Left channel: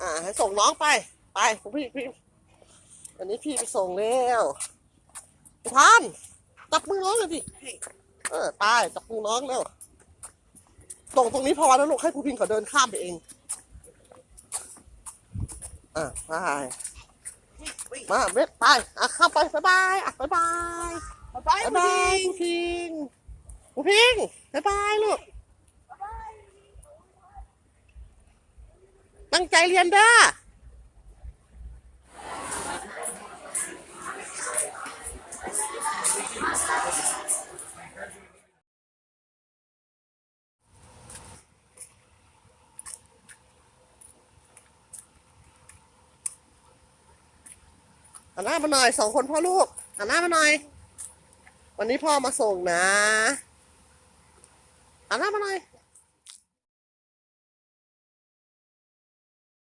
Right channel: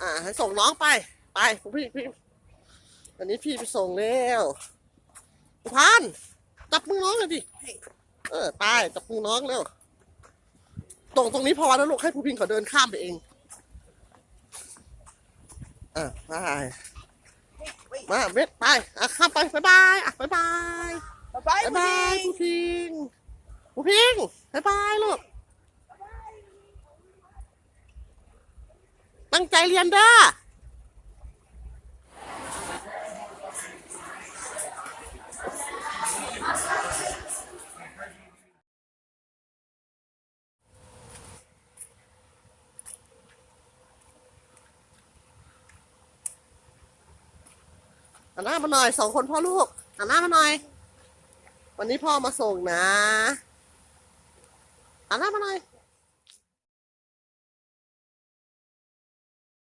อ่า ให้ส่งน้องไป ไปพี่พี่อันนี้พี่ไปส่งแล้วพานจับมือน้องเลยดิ เออไปจับมือน้องเร็วตรงตรงนี้พอนะลูกให้ผู้พิงเขาเดินข้ามไปเอง อะไปมาเบ็ดไป อะข้ามไปบ๊ายบายอะบ๊ายบายบ๊ายบายบ๊ายบายผู้พิงผู้พิงบ๊ายบายลูก ตั้งใจเรียนเด้อหันหน้ามาหน่อยสองคนพ่อลูกหันหน้ามาหน่อย วันนี้พ่อมาส่งนะหันหน้ามาหน่อย